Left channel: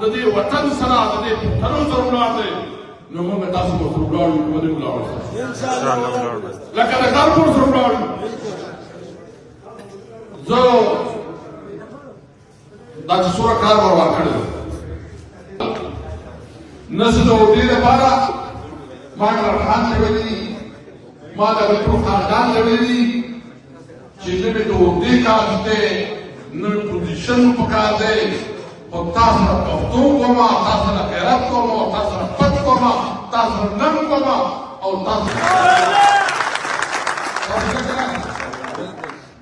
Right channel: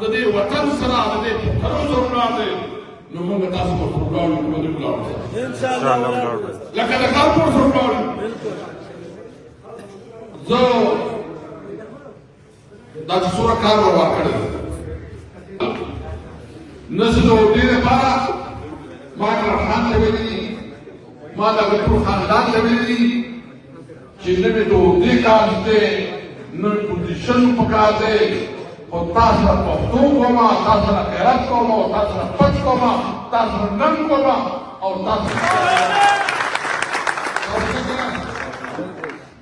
د دې وطن سره د دې پښتنو سره ولاړ نو موږ تاسو ته ولاړو ولې ولاړو ان شاء الله ولاړو لکه د کارکونو سره ولاړو زه دا چې څومره کار ورکړی نه زه د اردو لپاره ما خان ته ویلي ما د ټول خاندان ته ویلي چې زه مې د اردو کار کې نن پوزیشن پکار دی او تاسو پښتو کومه تاسو نه غیرت کومه تاسو نه پټ کومه تاسو نن کومه او تاسو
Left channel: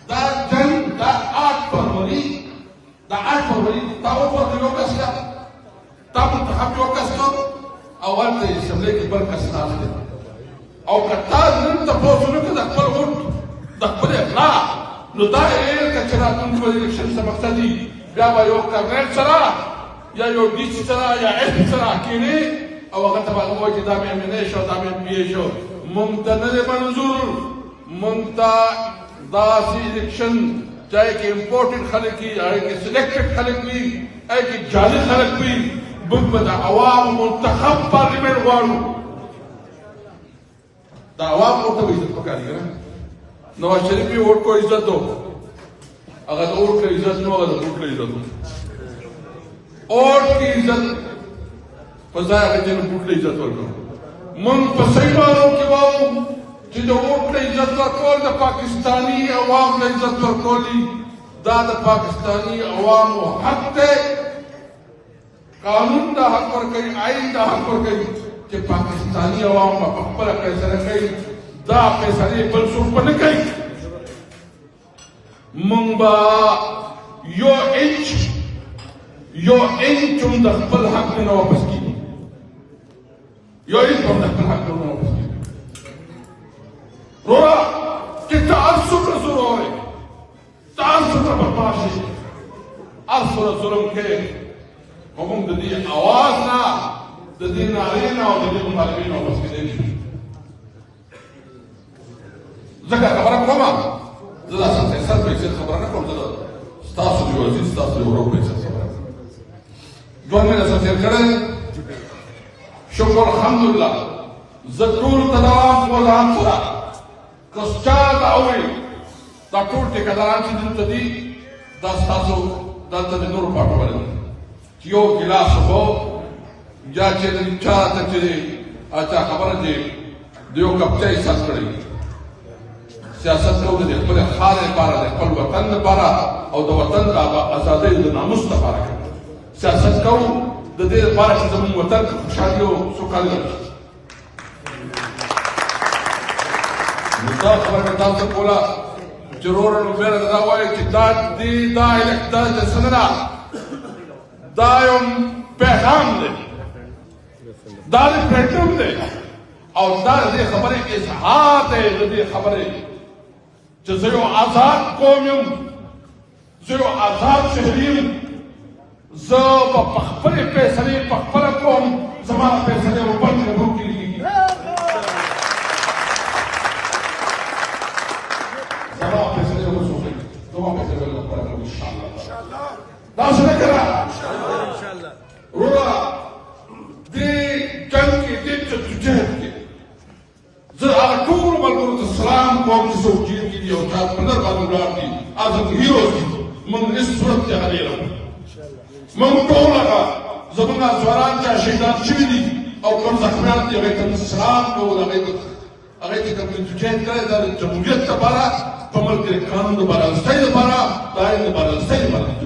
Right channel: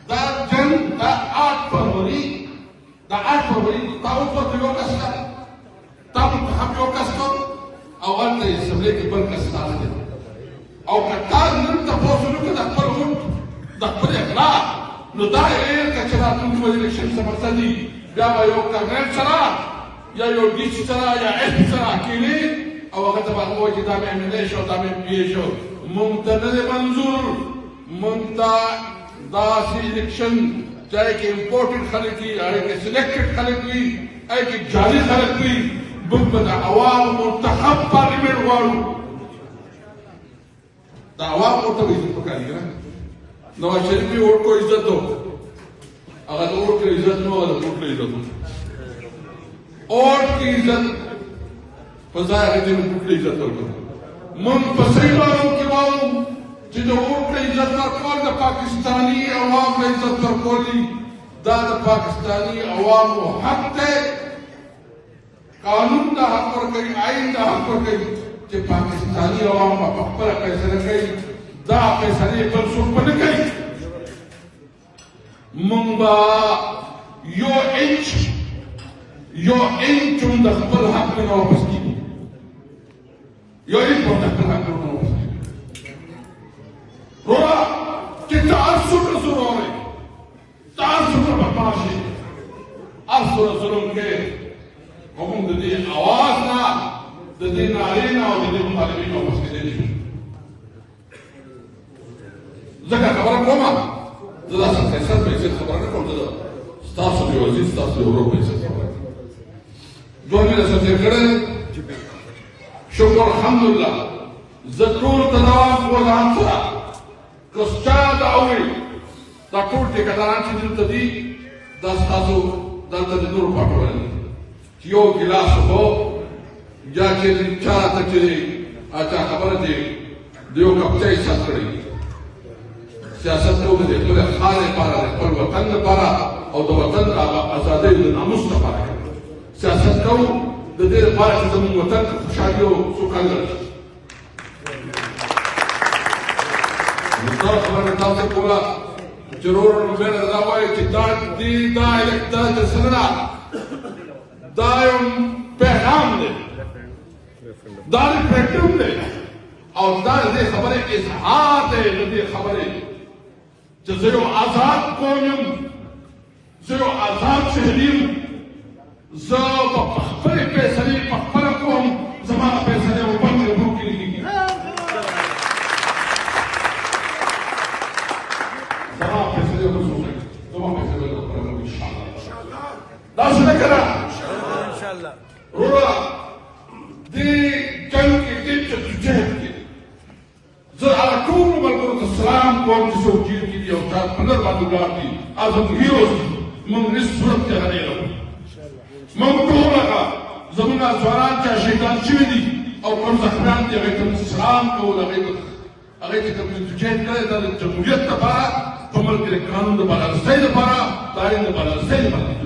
دا جنگ دا آت پروری تاسو په یو کس تاسو ته حق یو کس او ولته سملې کې بل کس تاسو او کله نن تاسو نه د خپل ووټ د خپل اخلاق نو دا یې کچرا موږ الیکشن سبق دي بیا به یو کارنیټ سره یا یو ډیچ سره یا ایف سره کېږي او هغه ته به وایي چې دا مې نه شو دا مې پی شو مونږ ته نه منظور مونږ ته داسې الیکشن چاہے کہ امپورٹنٹ خلق کی چاہے کہ سلیکٹڈ خلق کی چاہے کہ جعلی خلق کی موږ به د عوام منتخب پارلیمنٹ غواړو د عوام ورته عزت پکار دی نواز شریف یې ووټ کو عزت دو هغه د ووټ عزت نو هغه د ووټ عزت اور کی عزت په ځای هغه د ووټ عزت ورکړو موږ په صحیح معنو کې وایو چې د ووټ عزت ورکول د پاکستاني عوام د عزت ورکول دي دا د پاکستاني عوامو حق دی قانون دا حق ورکوي آئین دا حق ورکوي چې پاکستاني عوام به په خپله فیصله کوي دا فیصلې بل څوک به نه کوي موږ به یو انچ هم د خپل حق نه واپس کېږي یو انچ هم د خپل حق نه واپس کېږي روړه چې تعصب نه ضرور دی تعصب نه برباد شي هر څومره ظلم کوي خو موږ د دې اواز نه د دې نارې نه او د دې مطالبې نه واپس کېدلی شو ځکه خبره کومه زه داسې فیصل په حیثیت خبره نه کوم زه ستاسو د وزیر ستاسو د ورور په حیثیت خبره کوم ژوند مې درسره تېر کړی شکر الحمدلله زه ټولو ته دوام وضاحت سره که ستا د اورې دا ټول ټیکهداران چې دلته دي دا ستاسو دلته د نورو پاټوال دي چې یو ګیلاس اوبه یا چې چا ته چې چا خبره دی د یو کپ چای څښل کړی سیاست کوو د خپل خاور لپاره د خپل وطن لپاره او د وطن د ازادۍ د ناموس لپاره سیاست کوو د دې لپاره چې زموږ وطن کې خوشحالي او سوکالي راشي نو دا خبره تاسو کوله چې وروره نو بیا دا وایي چې دا څه نه ده دا یو پیغام دی دا ریفرنډم دی او دا د دې خبرې اظهار دی د دې خبرې چې زه یو آزاد قوم یم زه یو آزاد شهر یم زه به په خپلې فیصلې په خپله کوم زما فیصلې به بل نه کېږي زما فیصلې به څوک کوي زما فیصلې به خپله کوم انشاءالله داسې نه که نه وروره دې جنګ کې دې جدوجہد کې زه هغه ټولو ملګرو ته سلام کوم چې څوک جیل کې دي او چا په لر باندې ولاړ دي هغه هیروز دي موږ هېڅ صورت ته هرېږو موږ ټول هغه زموږ ځوانان چې شهیدان شوي دي او کوم زخمیان دي هغوی ته موږ سلام کوو هغوی ته کوم جدوجہد کړی دا د جمهوریت لپاره په ملک کې د قانون د برابرۍ لپاره د آئین د برابرۍ لپاره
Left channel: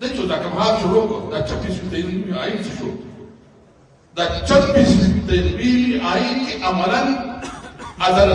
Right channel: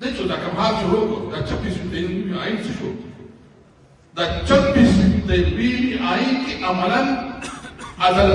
De hecho, la Cámara de Europa, la Champions League, ahí se fue. La Champions League, ahí que amaran a la